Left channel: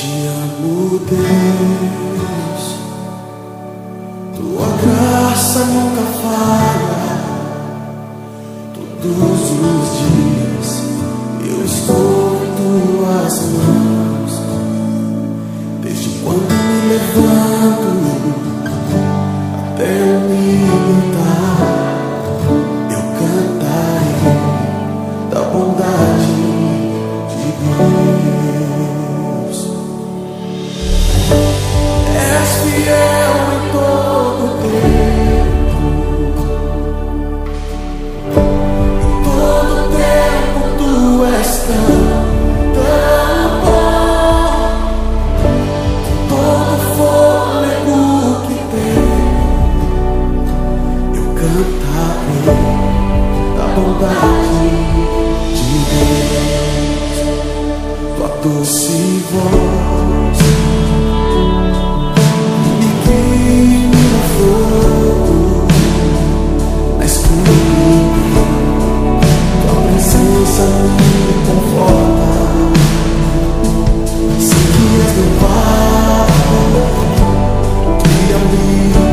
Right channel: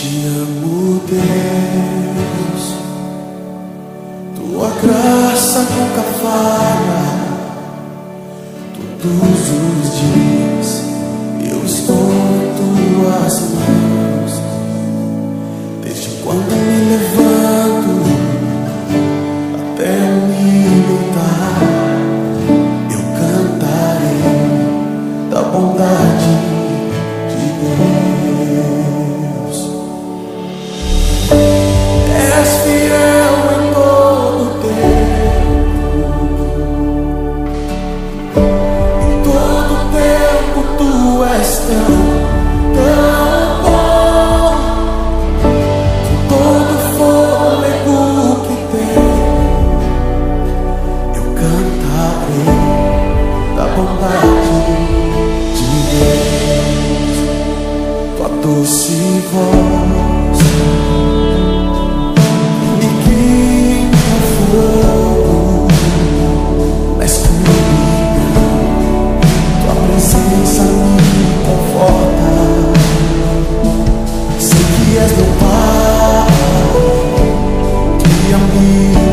Te amo, Deus, tua graça nunca falha. Todos os dias eu estou em tuas mãos. Desde quando me levanto até eu me deitar, eu cantarei da bondade de Deus. És fiel em todo tempo, em todo tempo tu és tão bom. Com todo fôlego que tenho, eu cantarei da bondade de Deus. Tua doce voz me guia em meu fogo, na escuridão. Tua presença me conforta. Sei que és meu Pai, que a mim